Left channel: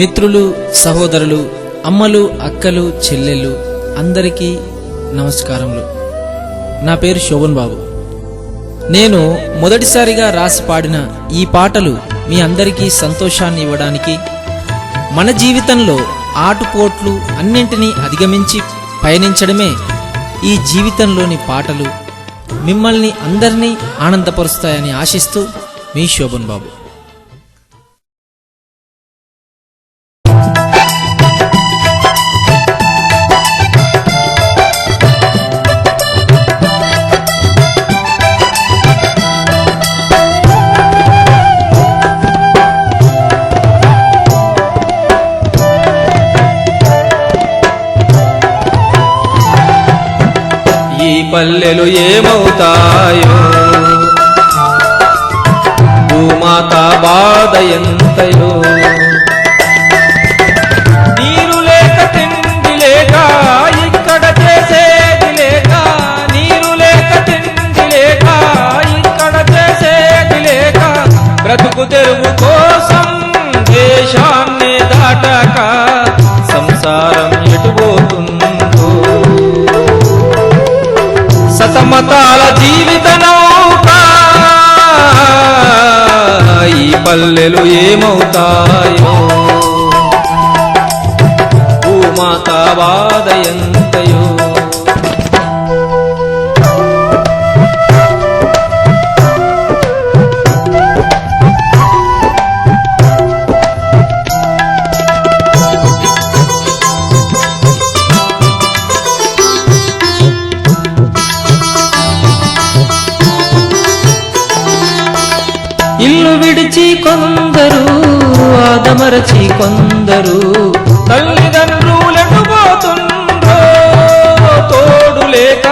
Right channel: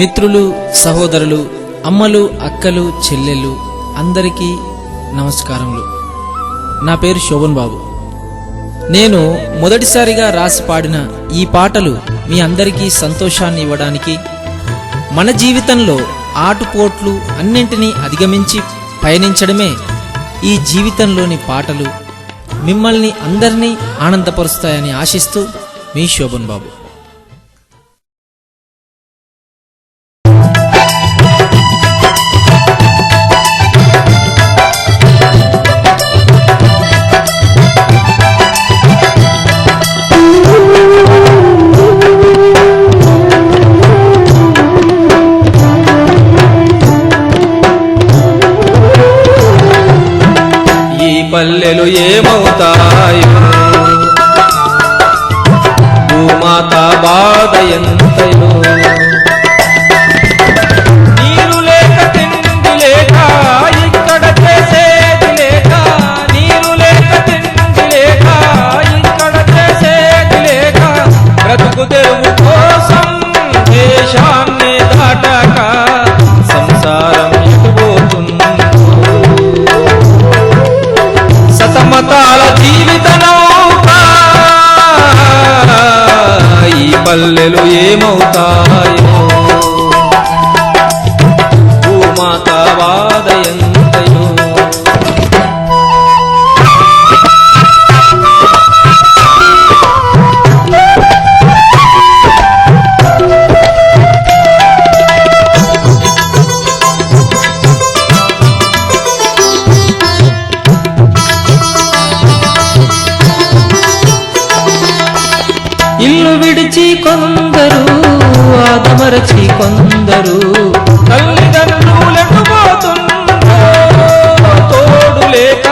మిత్రులు, సహోదరులు, అమ్మలు, అక్కలు, చెల్లెళ్ళు అందరికీ నమస్కారములు. నా పేరు శోభన్ బాబు. నేను మొదటిసారిగా రాసి పాడిన ఈ పాటలు మీ అందరికీ సంతోషాన్ని ఇవ్వడానికి, మన జీవితంలో ఆటుపోట్లు అన్నింటినీ అధిగమించి పయనించడమే ఈ జీవితంలోని పాటలు మిమ్మల్ని అందరినీ ఆనందపరుస్తాయని ఆశిస్తూ మీ శోభన్ బాబు. ఈ పల్లెలు ఏమవుతాయో, భూమాత బాధ ఎంతయో. నీరు లేక తిండి లేక ఇక్కడ చేసేది లేక, నీరు లేక తిండి లేక ఇక్కడ చేసేది లేక, బ్రతుకు తెరువు కోసం దేశాన్ని దాటాక సంసారం ఎటుపోతుందో. సతమతాల జీవిత నౌక ఈ పల్లెలు ఏమవుతాయో, భూమాత బాధ ఎంతయో. ఇల్లు విడిచి కొందరు, ఆదమరచి కొందరు, తల్లిదండ్రులెటుపోతుండ్రో, తోడు లేక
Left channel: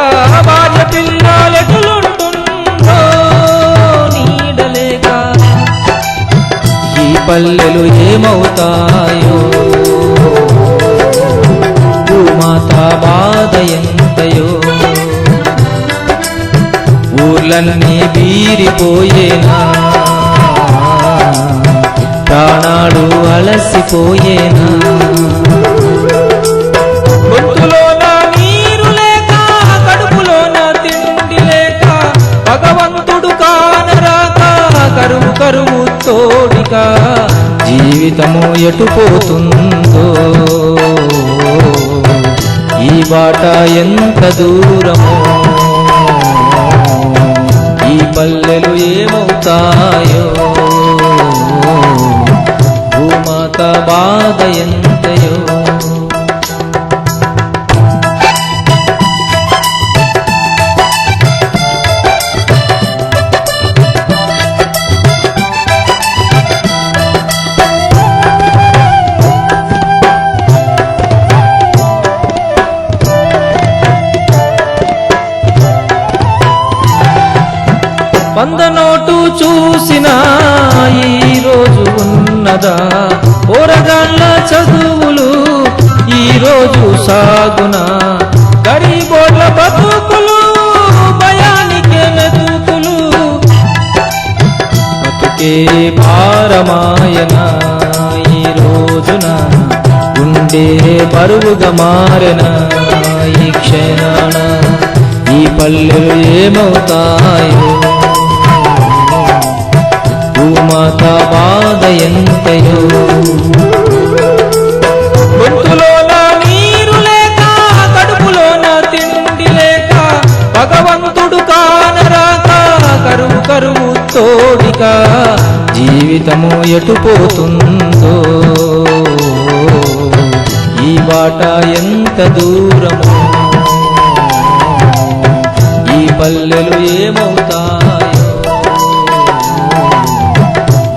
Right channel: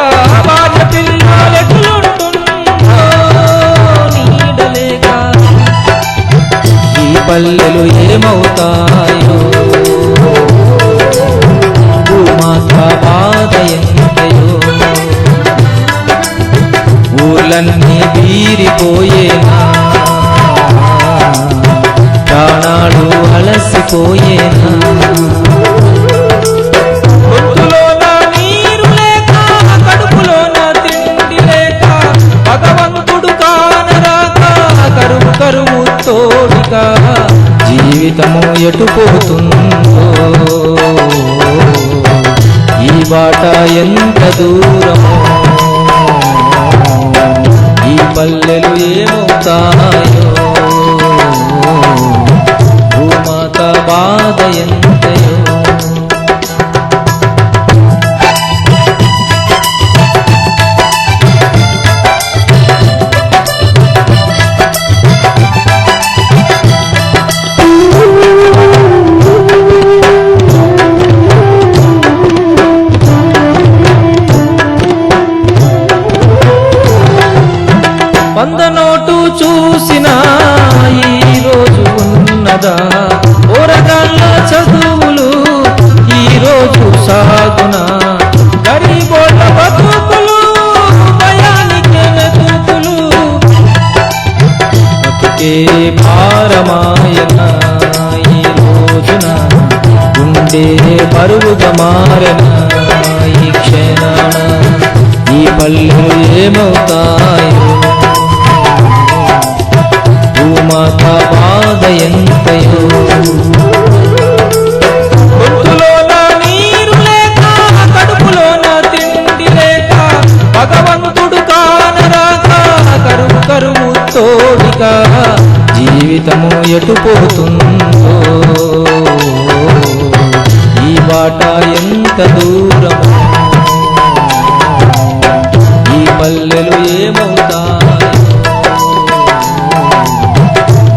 భార్య పిల్లలెటులుంటుండ్రో, నీడలేక. ఈ పల్లెలు ఏమవుతాయో, భూమాత బాధ ఎంతయో. ఊర్లన్నీ బీరిపోయేనా, ప్రాణాలు అలసిపోయేనా. గొంతులోన నీరు లేక, కడుపులోన తిండి లేక, భగవంతుడు కానరాక కరువు కరువు తోడిక జీవితము ఎటుపోతుందో. ఈ బాట ఎంత దూరమో, ఈ పల్లెలు ఏమవుతాయో, భూమాత బాధ ఎంతయో. వంద నోటు చూసినా ఈ రోజు ఉన్నదా, ఓరగాళ్ళ చదువులు ఈ రోజు సాగునా. గరీబోళ్ళ బతుకులు భయానికే మెతుకులు, బతుకే భారమాయన ఈ రోజున, గుండె బరువుగా మారెన ఈ క్షణాన. ఈ పల్లెలు ఏమవుతాయో, భూమాత బాధ ఎంతయో. గొంతులోన నీరు లేక, కడుపులోన తిండి లేక, భగవంతుడు కానరాక కరువు కరువు తోడిక జీవితము ఎటుపోతుందో. ఈ బాట ఎంత దూరమో, ఈ పల్లెలు ఏమవుతాయో,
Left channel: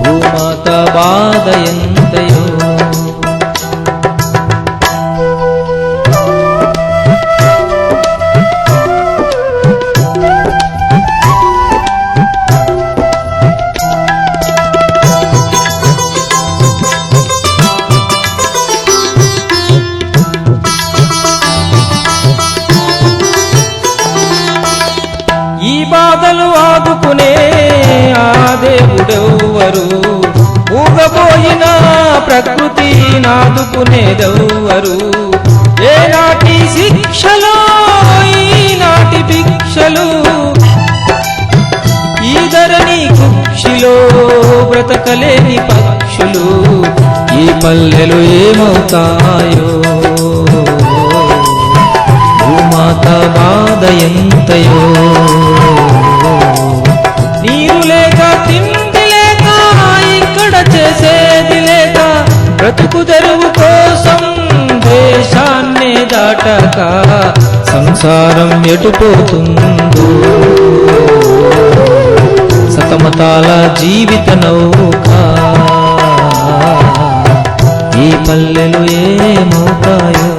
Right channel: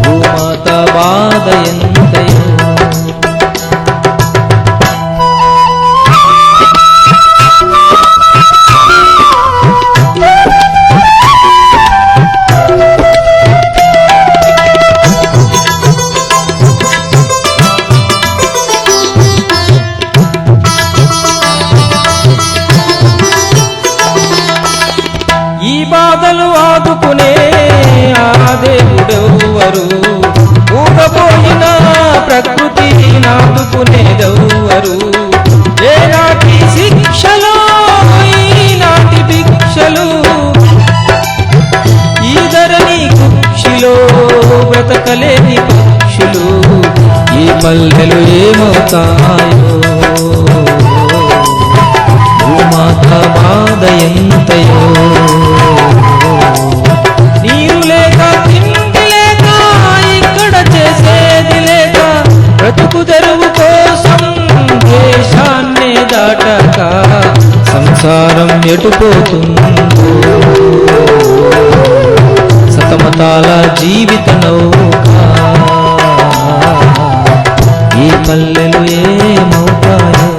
భూమాత బాధ ఎంతయో. ఈ బాధలు ఆదుకునే ఆ దేవుడెవ్వరు, మూగబోయిన ప్రకృతి నాదుకునేదెవ్వరు ఏనాటి శిక్షలో ఈనాటి భిక్షలు ఈ ధరణి కుక్షిలో బ్రతకలేని పక్షులు ఈ పల్లెలు ఏమవుతాయో భూమాత బాధ ఎంతయో నీరు లేక తిండి లేక ఇక్కడ చేసేది లేక బ్రతుకు తెరువు కోసం దేశాన్నే దాటక సంసారం ఎటుపోతుందో సతమతాల జీవిత నౌక ఈ పల్లెలు ఏమవుతాయో